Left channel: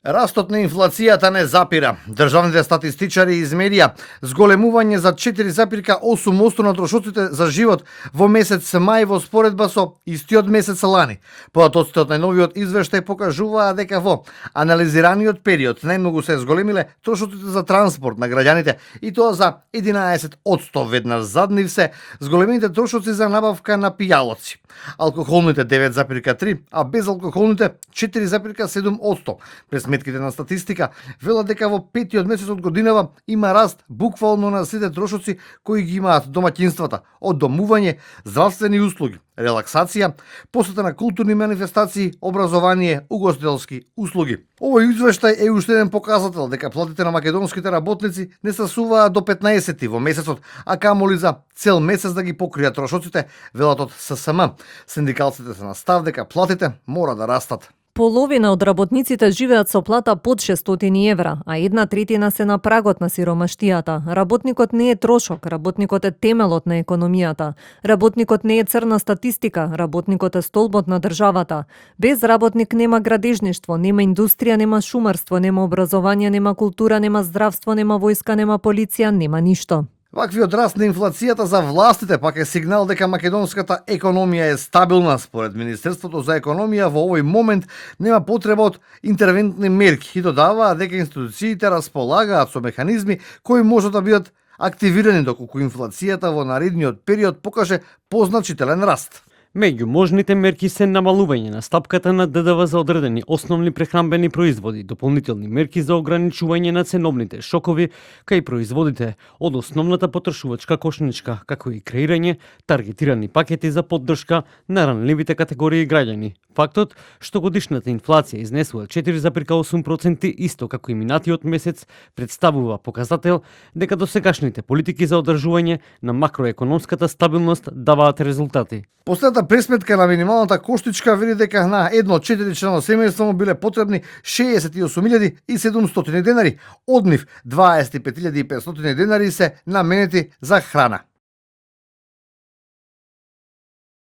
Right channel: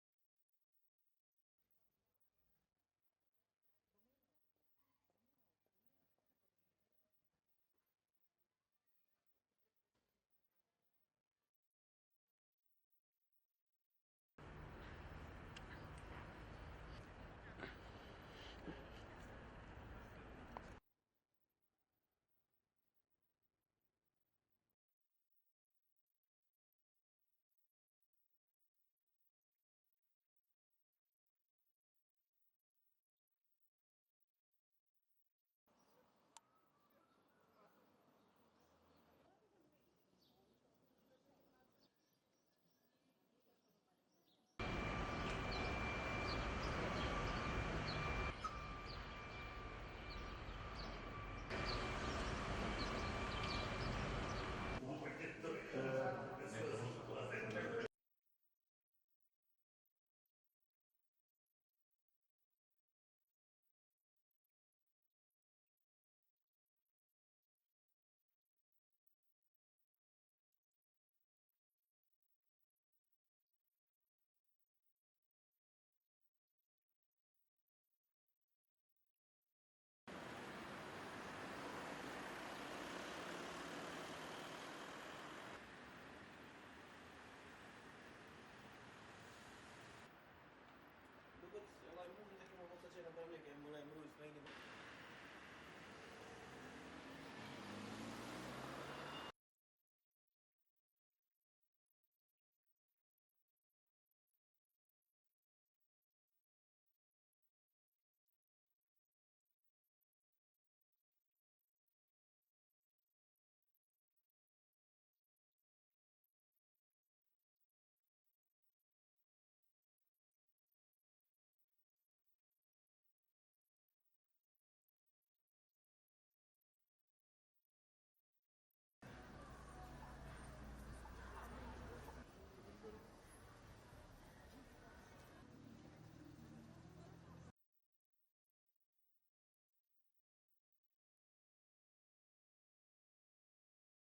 Растот на инфлацијата не запира. Државните статистичари измерија зголемување за 4,8% на трошоците за живот во месец мај во споредба со истиот месец лани. Податоците од најновиот извештај покажуваа дека во анализираниот период најмногу се зголемиле трошоците за транспорт на граѓаните и тоа за 11%, веднаш зад нив се зголемените трошоци за набавка на пијалоци. Алкохолните 9,3%, а безалкохолните 4,7%. През сметките на статистика велат дека во петиот месец од годинава има раст буквално на сите трошоци кои ги имаат домаќинствата, од домување, здравствени услуги, релаксација, посета на културни манифестации, образование, угостителски услуги. Овој извештај е уште еден показател дека платите на македонските работници не стасуваат до 15 во месецот, а камоли за цел месец да ги покријат трошоците, велат од ССМ. Синдикалците се на став дека платите мора да растат. Половина од работниците живеат со плата под 600 евра, а 1/3 се на прагот на сиромаштијата. Работникот не е трошок, работникот е темелот на економијата. Работникот не е црна статистика, работникот е столбот на државата. Без работник нема градежништво, нема индустрија, нема шумарство, нема образование, нема култура, нема здравство, нема војска, нема полиција, нема ништо. Ваквиот раст на инфлацијата за властите пак е сигнал дека македонската економија е стабилна. Според Министерството за економија во овој момент нема потреба од интервентни мерки и додаваа дека институциите располагаат со механизми кои можат да бидат активирани доколку инфлацијата во наредниот период покаже позначителен раст. Меѓу можните мерки се намалување на стапката на ДДВ за одредени основни прехранбени производи, дополнителни мерки за ограничување на ценовните шокови кај производите од основната потрошувачка кошничка, како и креирање таргетирани пакети за поддршка на ранливите категории граѓани. Фактот што годишната инфлација изнесува 4,8% исто како и минатиот месец представува показател дека досегашните политики за одржување на макроекономската стабилност даваат резултати. Последната пресметка на минималната коштичка види дека на едно 4-члено семејство му биле потребни 68.700 денари, од нив 25.500 денари се наменети за храна.